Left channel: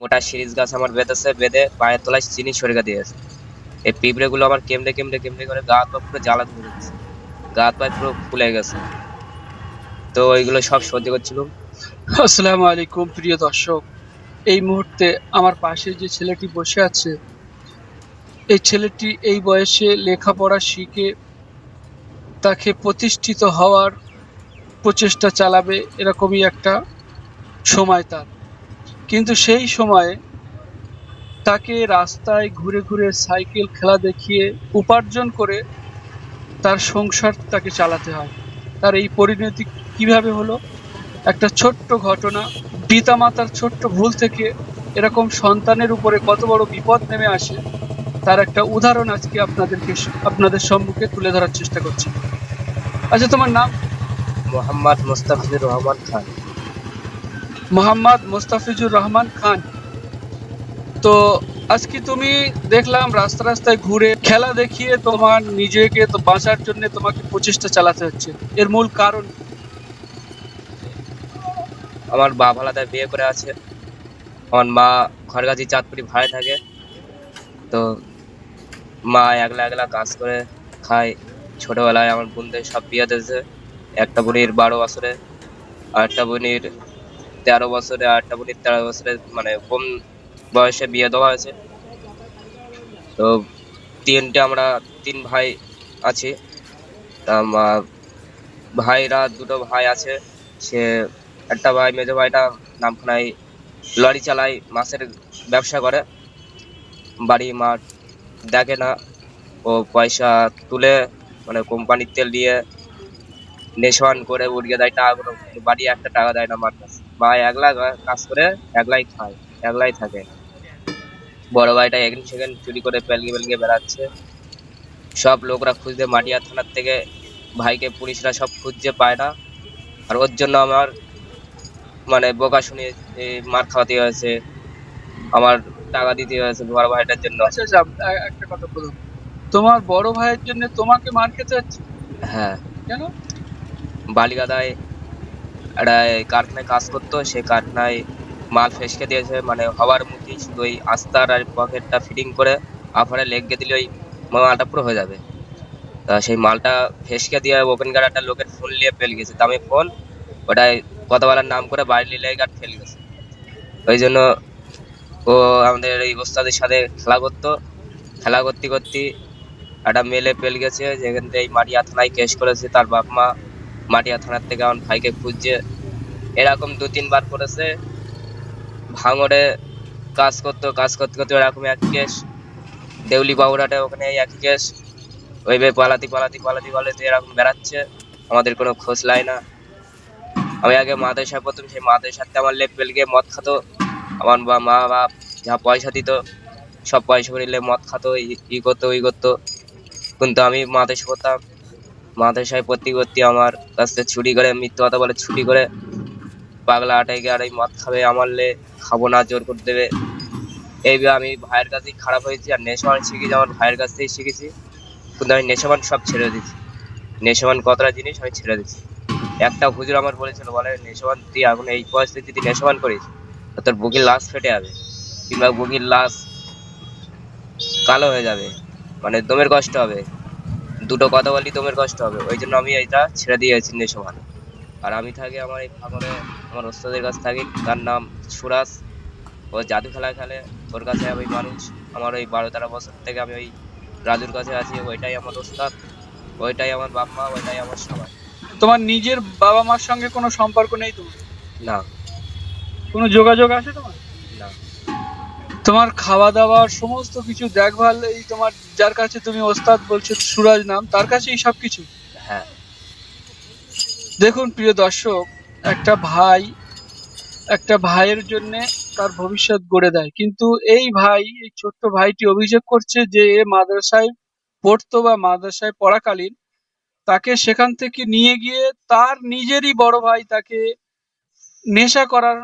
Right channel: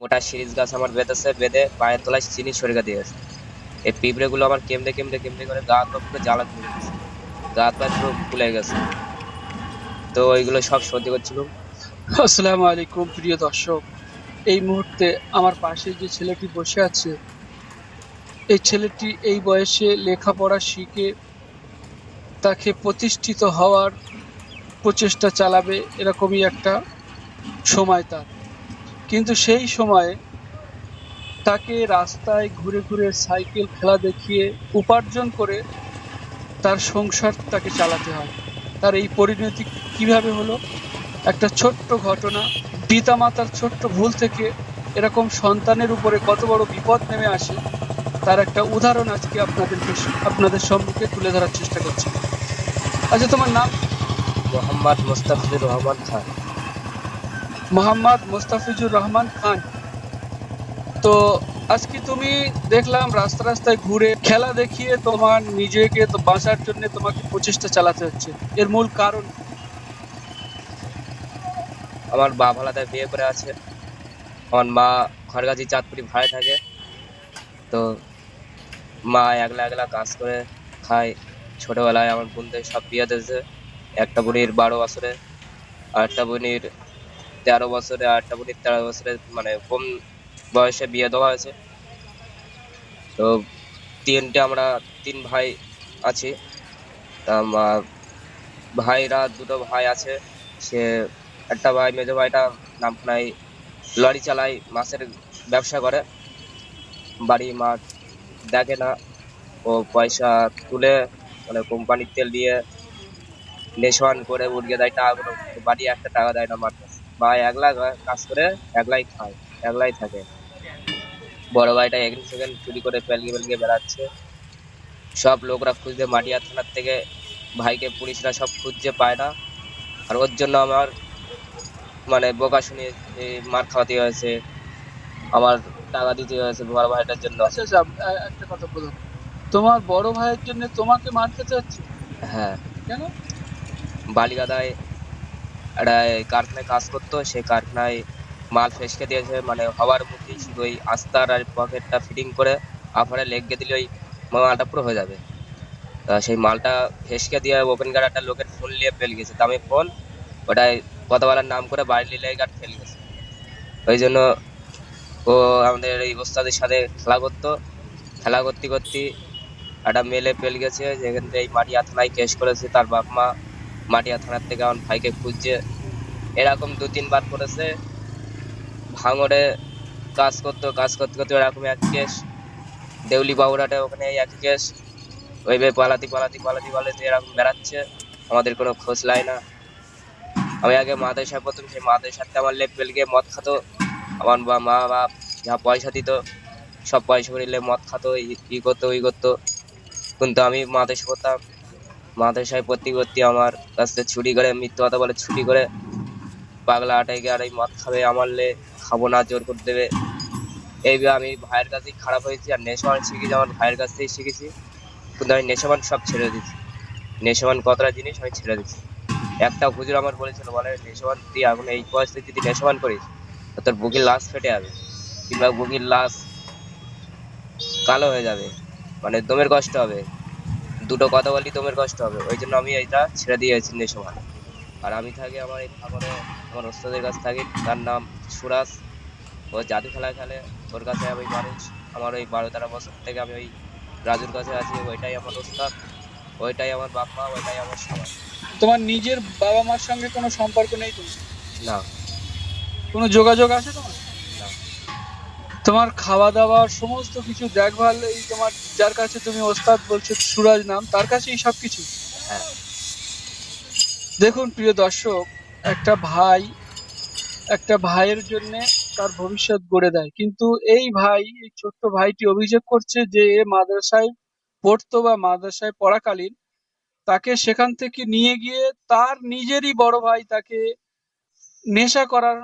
মোটা সিরিজ গাছ আমার বেঁধেছে, বেঁধে পায়ের তলায় চিনি সরিয়ে দিয়েছে। এই পিঁপড়েগুলো আমার কেমড়ে কেমড়ে কেমড়ে করে গা হাত পুরো জ্বালা করে গেছে গা হাত পুরো ফুলে গেছে। তো ওইগুলো সব সহ্য করছিল আসসালামু আলাইকুম প্রিয় দর্শক। এই মুহূর্তে আমার পাশে যে ছেলেটি বসে আছে, এই ছেলেটি এই বয়সে লেখাপড়া শিখে তাকে প্রতিষ্ঠিত হওয়ার প্রচেষ্টা চালাবে এরকমই একটা সময় তার। কিন্তু সেই সময়ে তাকে রাস্তায় ঘুরে ঘুরে সাইকেল, খেলা দেখিয়ে উপার্জন করে তার সংসার তাকে চালাতে হয়। তার এই পরিণতি কীভাবে হলো? একটা ছোট্ট ঘটনা, পিতামাতার ছোট্ট ভুল থেকে এরকম সন্তানের উপরে কত বড় বিপদ নেমে আসে, তার একটা উদাহরণ আজকে আপনাদেরকে আপনাদের সম্মুখে তুলে ধরার চেষ্টা করছি। আচ্ছা তোমার নাম? মোহাম্মদ মুস্তাফিজুর রহমান খান। মোহাম্মদ মোস্তাফিজুর রহমান খান। তো আজকে তুমি দেখলাম রাস্তা রাস্তায় ঘুরে খেলা দেখিয়ে তোমার নিজেকে তো বাঁচার জন্য তোমাকে প্রচেষ্টা চালাতে হচ্ছে। এর মূল কারণ আমার মা আলাদা বিয়ে করে আছে। আমার মা খড়গাছি, চাঁদপুরি ভাড়ায় থাকে। তো মা একলা একলা কাজ করে খায়। ছোটবেলায় আমার বোনদের সব বিয়ে দিয়েছে। একটা বোনের বারো বছরে আর একটা বোনের তেরো বছরে একটা বোনের তেরো বছরে মানে কম বয়সে বিয়ে দেওয়া হয়েছে। তো তিনটে আমরা, তিন ভাই আছি। ভাইরা দুটো ভাই আছে। সে একটা ভাই, মেজো ভাইটা নামখানায় লরি চালায়, মাছের ব্যবসা করে। বাড়ি মাঠ দেখে না। ও পয়সা তুলে মানে কোম্পানির তেল দিয়ে, নেশান করে উড়িয়ে দেয় টাকাগুলো। বাড়ি একটা টাকা দেয় না মার ভাই একলা কাজ করে একলাই খায় একলাই থাকে। বড় ভাইটা এখান সেখান চুরি করে পেলগিয়ে পেলগিয়ে বেড়াচ্ছে। সব লোকরা খুঁজতে মাটিয়া থানার থেকে ভাইকে পুলিশরা সব খুঁজছে পায় না। আর ওর জন্য আমার মানে বোকা শুনে মার খাওয়াতে হয়েছে আমার টাকা দিতে হয়েছে বড় ভাইটার জন্য। আচ্ছা আচ্ছা একটা কথা বলো তোমার বড় ভাইয়ের জন্য তোমাকে মার খেতে হচ্ছে? হ্যাঁ। কেন? বালিগাদায় একটা কারখানায় কাজ করতো সেই কারখানায় মাল ফেসকে দিয়েছে মানে হওয়ার মুখেই শুধু ওই আস্তার আর পকেটটা ফিটিং করে আফারে লেগে দিলে ওই মালটা পুরো হয়ে যাবে। তা সেই মালটা ফেসকে দিয়ে ওখানকার একটা লোকের ফোন নিয়ে ফেল গেছে দামি ফোন ওটাই কথা বলার নাম করে বাড়ি নিয়ে আর ফেল গেছে। ওই জন্য ও আমাদের এই ওস্তাদের সাথে খেলা করতো। খেলা করতে করতে একটা মেলে পেল গেছে, যেখান থেকে এই মাটিয়া থানায় কেস করেছে, তার বাপ মা মাটিয়া থানার থেকে আমার ভাইকে খুঁজছে। এরকম দু, তিনবার করেছে। ভাঙড়ে কাজ করতো, কাজ করতে করতে এরকম এক কেস দেউলি বাবুরাটে ওখানে একই কেস ওইভাবে পালাতি পালাতি পালাতি পালাতি এরকম বেড়াচ্ছে। আমাদের কোনো খোঁজ লাই না। আমি আগে মাদ্রাসায় প্রথম সেই সাথে আমার লেপ গিয়ে মদ খাতো। আমার বা মা, বাপ যা পয়সা দিত, সব পয়সা করিলে মদ খাতো, ই- করতো, ওই করতো। কিন্তু আমি মাদ্রাসা করতাম মাদ্রাসায় ভর্তি ভর্তি আমার কাছ চুরি করে, মিথ্যে কথা বলে চুরি করে পাগলা আটাই গিয়ে আর এই মদ খাবে, আমার লে খাব না, জোর করে দেবে। এইভাবে আমি ভাইয়ের কাছেই খারাপ হয়েছি আর নেশাবান শিখেছি, আমার ভাইয়ের কাছ থেকেই শিখেছি। কিন্তু আমি নেশাবান সব ছেড়ে দিয়েছি। নেশাবান কতটা জিনিস আমি ছেড়ে দিয়েছি। একটা হুজুর আমার বলেছিল, বলে, নেশাবান, তুই এখন এই পরিস্থিতিতে নেশাবান করিস তোর বুকের লাশ ফেটে যাবে। কিংবা বুকের লাশ কালো হয়ে যাবে মানে দমের কষ্ট হবে। দুটো কথা বলি তোমার কষ্ট হবে। ওই জন্য আমি এটা ছেড়ে দিয়ে দিয়েছি নেশাবান আর আমি থাকি আমার এই ফাঁকরে আমার ওস্তাদের কাছে থাকি। তার নাম সুরাজ। ও জাদু খেলা খেলে। ওর কাছে আমি মানুষ। আমার ওই বারো তেরো বছর থেকে আমি ওই রাজুর কাছে আছি। ওইটাই আমার ওস্তাদ। ওইটাই আমার বাপ মা ওইটাই আমার সবাই। তোমার নিজের বাবা মার সঙ্গে কোনো সম্পর্ক নেই তো? না। কোনো যোগাযোগ আছে তোমার? তোমার খাওয়া দাওয়ার সমস্ত কিছু দেখভাল এই তোমার যার কাছে তুমি ওস্তাদ বলছো সুরাজ নাম তার কাছেই সব কিছু হ্যাঁ। দেখুন প্রিয় দর্শক একটা ভাই একটা ভাইয়ের জন্য তার ভবিষ্যৎ গড়ে দেয়। কিন্তু এই ভাই এই ছোট্ট ভাইটি অভিযোগ করছে যে এ মাদ্রাসায় পড়তো বা মাদ্রাসায় পড়াকালীন তাকে সেখান থেকে নিয়ে গিয়ে তার নিজেরই বড় ভাই তাকে নেশা করার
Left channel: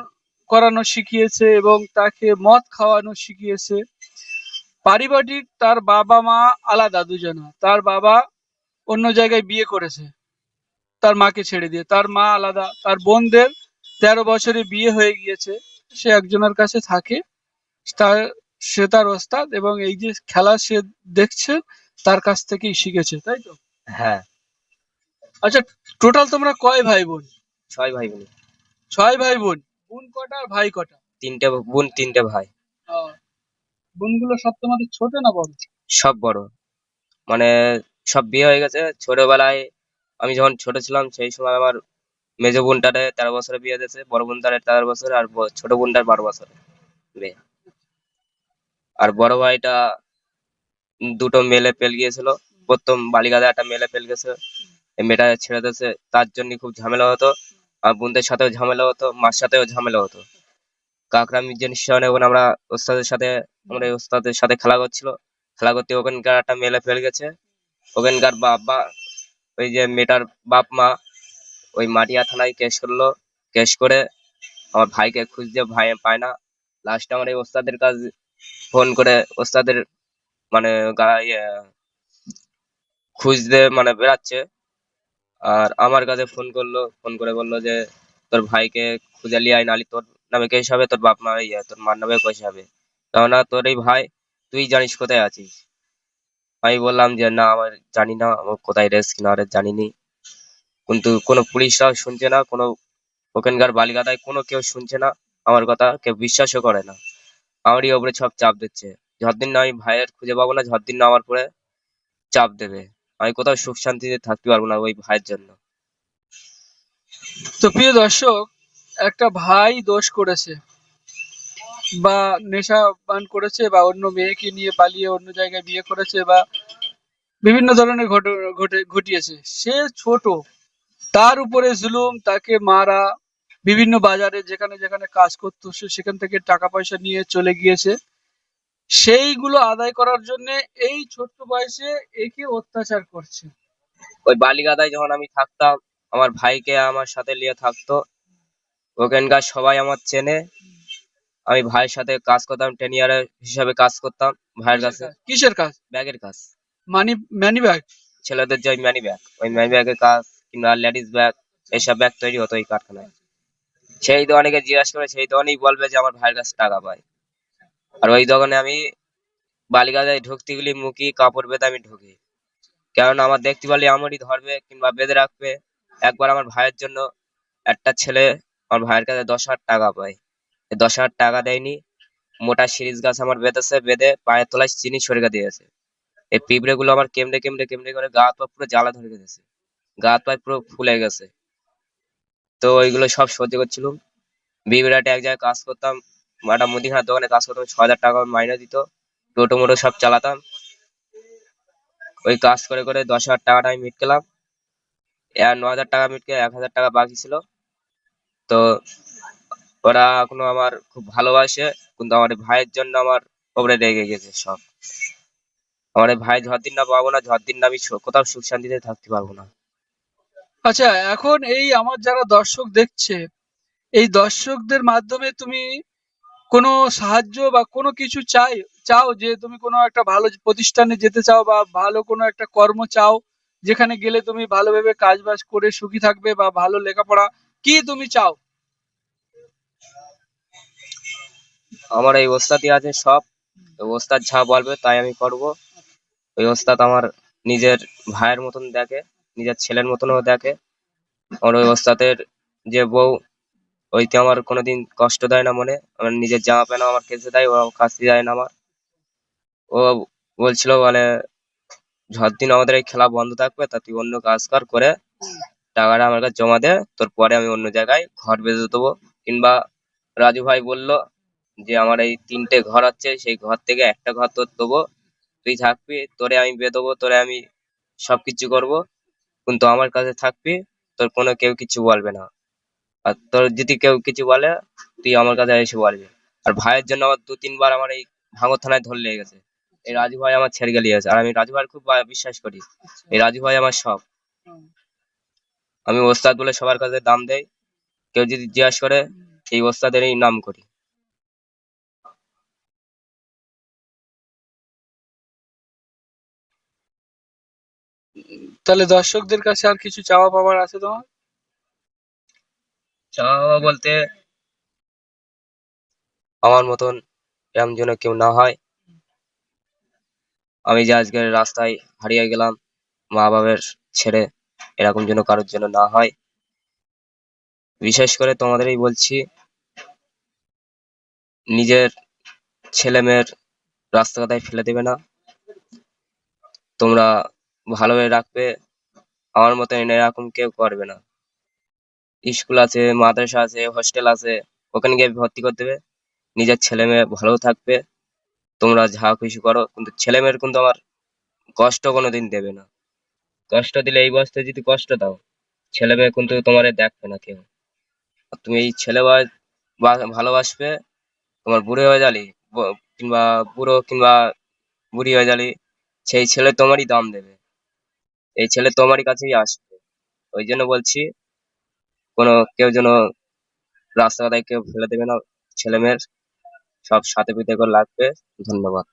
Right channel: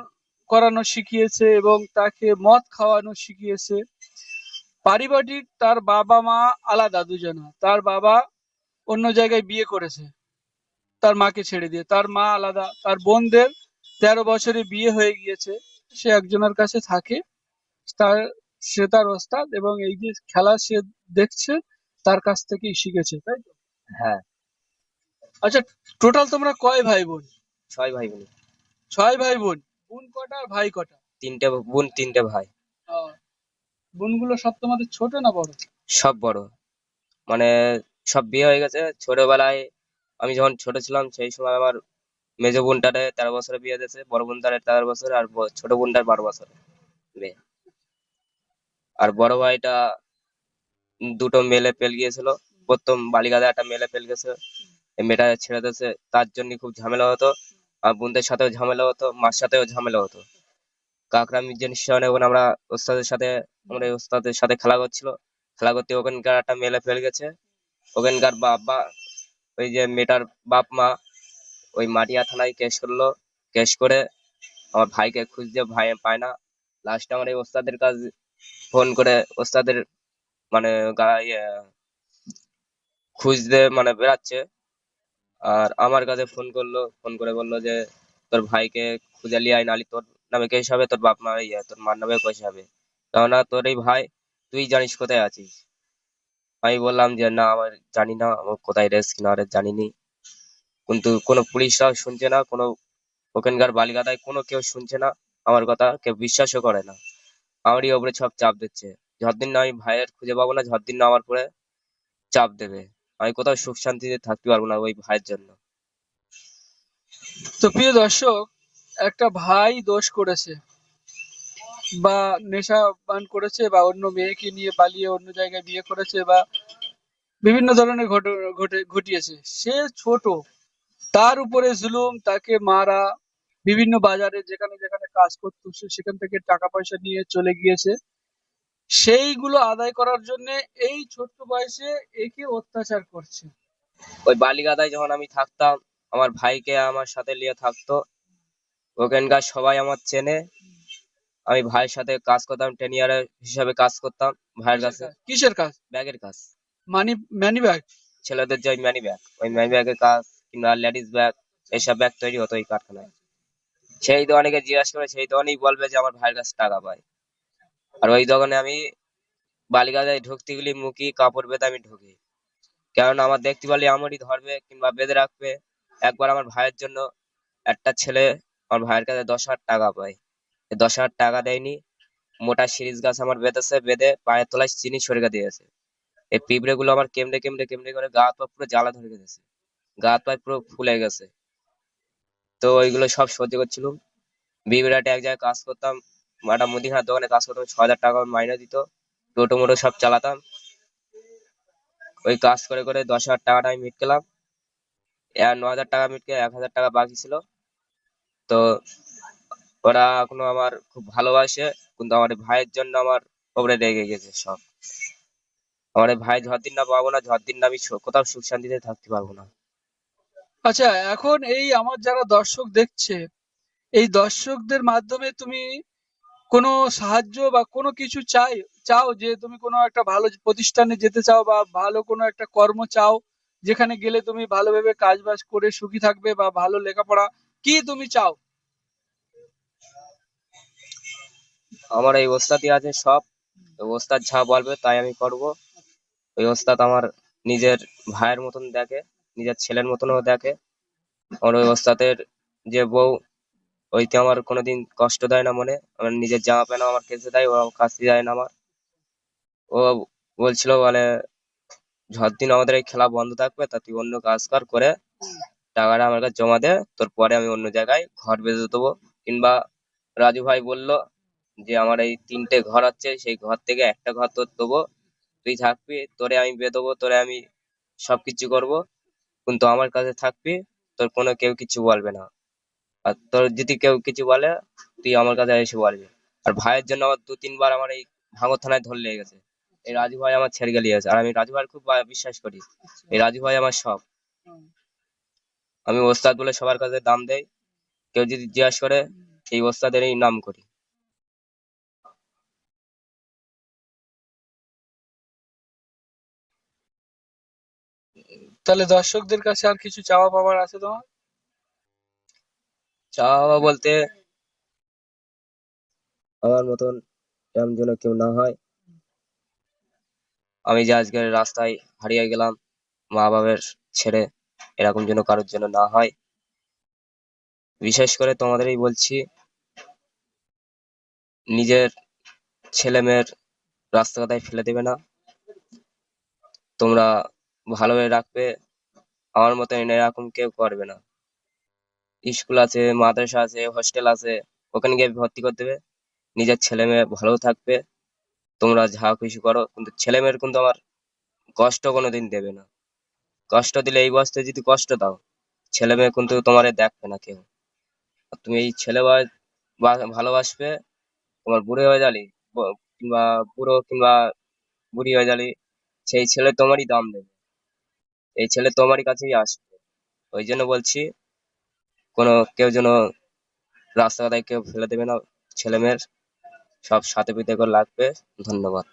করানো শিখিয়েছে এবং তাকে মদ খাওয়ানো শিখিয়েছে। পারিবারিক তার বাবা মা আলাদা দুজনা। তার বাবা অন্য জায়গায় বিয়ে করেছে। তার মাকে ছেড়ে দিয়ে। তার মা আলাদা। তার বোনদের তেরো বছরে বিয়ে হয়ে গিয়েছে। সে একজনের কাছে থাকে। তার সে তার ওস্তাদ এবং এই যে খেলা সে দেখছে তার কাছ থেকেই শিখেছে তাই তো? হ্যাঁ। আচ্ছা টোটাল তোমরা কয় ভাই বোন? ছয় ভাই বোন। ছয় ভাই বোন। বোন কটা আর ভাই কটা তিনটে বোন তিনটে ভাই। বোনগুলো সব তোমাদের ছোট না বড়? সব বড়। মানে সব বিয়ে হয়ে গেছে। ছোটবেলায় আমি যখন ছোট ছিলাম সেই সময় আমার মেজো বোনটারে তেরো বছরে বিয়ে দিয়েছে বড় বোনটারে তেরো বছর আর ছোট বোনটার বারো বছর বিয়ে। আর বড় ভাইটা দুটো মেলে পেল গিয়েছিল। প্রথম বালিগাদা একটা মেলে পেল গেছে। মেয়েটা ছেড়ে দিয়েছে। তার জন্য খুব ঝামেলা হতো। আর বোনদের সাথেও ঝামেলা হতো মার সাথেও ঝামেলা হতো। কাকরা মির্জা যখন আমরা ওস্তাদের সাথে আমরা ওস্তাদের সাথে খেলা করছিল। খেলা করতে ওখানকার একটা মেলে ফেল গেছে। ওখানকার বাবা ওই যে মেয়েটার বাপ মা ওই মাটিয়া থানায় কেস করল। কেস করে আমার ভাইকে খুঁজতে ভাই পায় না। লাস্টে আমার এই ওস্তাদের কাজ ফোন করে ওস্তাদের মানে ইয়ে, খুঁজতে মানে বেড়াচ্ছে। আর আমার কাছে ফোন করল ফোন করে বলল যে, তোর ভাইকে খুঁজে লিয়ে আয় নালি তোর নামে কেস হবে, তোর বাপ মা ইয়ে তোর মার নামে কেস হবে। কেননা তোর এই ভাই, তুই জানিস কোথায় আছিস? আমি বললাম যে, না, আমার জানি না আমার কোথায় রেস কিনা রে জানিনি। কিন্তু কোনো পুলিশরাও শুনছে না, কোনো ওখানকার বালিকাতায় কোনো কেউ শুনছে না, আমার কথা কেউ বিশ্বাসও করে না। আমারই ওপরে সব চাপ দিচ্ছে। যতদিন না আমি ভাইয়ের খুঁজে পাবো না, যতদিন না আমার উপরে চাপ দেবে। আমি কোথাও সুখ শান্তিতে থাকতে পারব না ওই ভাইয়ের জন্য। তো প্রিয় দর্শক, একটা ভাই দোষ করেছে বা নেশা পান করেছে বা অন্য মেয়েকে নিয়ে পালিয়ে অন্য জায়গায় বিয়ে করেছে বা বিভিন্ন ধরনের ঘটিয়েছে। সে ছোট, তার উপরে জুলুম, তাকে মারা, বিভিন্ন বাজারে যেখানে যেখানে কাজ করতো, সে সেখান থেকে টাকা পয়সা নিয়ে চলে গিয়েছে। সেইগুলো আদায় করার জন্য এই ছোট্ট বয়সে একে অত্যাচার করছে। ওই বালিগাদায় যখন আমি থাকতাম আমার ভাইকে আমার সাথে নিয়ে থাকতো ওখানকার সবাই আমার চেনে। আমি ভাইয়ের সাথে কাজ করতাম টেন ইয়ারের হিসাবে কাজ করতাম ভাইয়ের কাছে। কিসের কাজ? ব্যাগের কাজ। Money money bag? ছেলেদের যে ম্যানি ব্যাগ ওই ম্যানি ব্যাগের কাজ কিংবা লেডিস ব্যাগ এইসব ব্যাগ তৈরি হতো এই কারখানায়। সেই দোকানিকে জিজ্ঞাসা করে সেই দোকানেই বলবে যে আমার ভাইয়ের কাছে টাকা পাই আর ওই দোকানে আমি বালিগাদায় ঢুকতে গেলে মুখি, কাপড় বেঁধে আমি ঢুকি। কারণ আমার দেখতে পারলে আমারই ধরবে কিংবা বেঁধে রাখবে। একবার আমার ভাইয়ের জন্য একটা ছেলে আমার ভাইয়ের কাছে দশ হাজার টাকা পায়। দশ হাজার টাকা দেয়নি। মোটা সিরিজ গাছ আমার বেঁধেছে, বেঁধে পায়ের তলায় চিনি সরকে দিয়েছে। এই পিঁপড়ে গুলো আমার কেমড়ে কেমড়ে কেমড়ে করে গা পা পুরো জ্বালা ধরে গেছে। গা হাত পা পুরো ফুলে গেছে। তো ওইগুলো সব সহ্য করছিলাম। বিবিরাটে এক জায়গায় কাজ করতাম। একটা মুদিখানার দোকানে কাজ করতাম ছ হাজার টাকা মাইনে দিত। টোটো মোটো সব চালাতাম। ওই কাজ করে করে দশ হাজার টাকাটা আমি মিটকেলাম ন হাজার টাকা মিটকে এক হাজার টাকা বাকি ছিল। তো ওরা এখনও আমার খুব ভালোবাসে, কিন্তু আমার ভাইয়ের জন্য আমার ওপরে রেগে গেছে সব। আমার ভাই ভাই দিন না পাবো না যতদিন না আমি কোথাও সুখ শান্তিতে থাকতে পারব না। আচ্ছা এখন এই আমার যারা দর্শক দেখছে, এই দর্শকদের মাধ্যমে তুমি কোনো সাহায্য বা কোনো কিছু চাই, চাও যে তুমি কোনো একটা ভালো প্রতিষ্ঠানে যেতে চাও বা ভালো কোনো একটা কর্ম চাও, যেখানে গেলে তুমি ভালোভাবে কাজ বাজ করে সুখী থাকবে বা ভালো লেখাপড়া, কি তুমি চাও? আমার এই ওস্তাদই আছে সব। ওস্তাদ যা বলবে তাই আমি করব। ওই ওস্তাদ আমার নিজের ভাইয়ের মতন দেখে, নিজের ছেলের মতনও দেখে। আমার ওই ওস্তাদের যে বউ ওইতে আমার কোনোদিন কষ্ট দেয় না মনে। আমার নিজের জামা প্যান্ট আমার কেচে দেয়, ও কাচতে দেয় না আমার। ও বলছিল মানে যতদিন আমাদের এই খেলা বন্ধ থাকবে, তা তুই অন্য কাজ কর, করে টাকাটা আমার কাছে জমা দে, তোর পরে আমি অন্য জায়গায় ঘর বেঁধে দেবো। কিংবা রাজু ভাই বলল যে, আমার এই তিনটে ঘর আছে, সেই ঘর থেকে একটা ঘর তোর দেবো। তুই থাকবি, তোরে আমি বেঁধবো তোরে আমি সবকিছু করব। কিন্তু আমার কাছে থাকবি, তোর কোনো কেউ কিছু বলবে না। আর তোর যদি কেউ কিছু বলে, তুই আমার কাছে এসে বলবি। আর ভাইয়ের জন্য আমার দু, তিনবার আমার এই ভাঙর থানায় ধরে লেগে গেছে। এই রাজু ভাই আমার ছেড়ে গেলিয়ে আছে আর আমি রাজু ভাইয়ের খুব বিশ্বাস করি। এই রাজু ভাই আমার সব। আমি ওস্তাদ বলে সবার কাছে দাম দেই। কেউ যদি জিজ্ঞাসা করে, এই ওস্তাদেরই নাম করি। তাহলে দর্শকদের কাছে আর কিছু চাওয়া পাওয়ার আছে তোমার? চাওয়া বলতে আমার মতন এরম যেন কেউ না হয়। আমি যে আজকে রাস্তায় হারিয়ে গেলাম, মা বাবার ছেড়ে এরকম যেন কারোর জন্য না হয়। বিশেষ করে তোমাদেরই বলছি, নিজের ছেলে মেয়ের রাস্তাঘাটায় ফেলে দেবে না। তোমরা ভালোভাবে রাখবে, আমার মতন এরকম কেউ করবে না। স্কুল আছে, মাদ্রাসা আছে হোস্টেল আছে, ওখানে গিয়ে ভর্তি করে দেবে। নিজের ছেলে মেয়ে ভালো থাকবে। তোমরা যা খুশি করো, কিন্তু ছেলে মেয়ের কিন্তু আমার কষ্ট কোনোদিন দেবে না। কষ্ট দিলে এই বয়সে যদি কষ্ট দাও, ছেলে মেয়ে কিন্তু তোমার দেখবে না কেউ। তুমি এই ছেলে ভালোবাসবে, তোমার বুড়ো হয়ে ব- কিংবা বুড়ো কিংবা বুড়ি হয়ে গেলে সেই ছেলে তোমারই দাম দেবে। এই ছেলে তোমারই কাছেই আসবে। ওই জন্য বলছি কোনো কেউ যেন রাস্তাঘাটে কেউ ফেলে দেবে না ছেলে মেয়ের সব সাথে পিঠে করে লাগবে। ধন্যবাদ।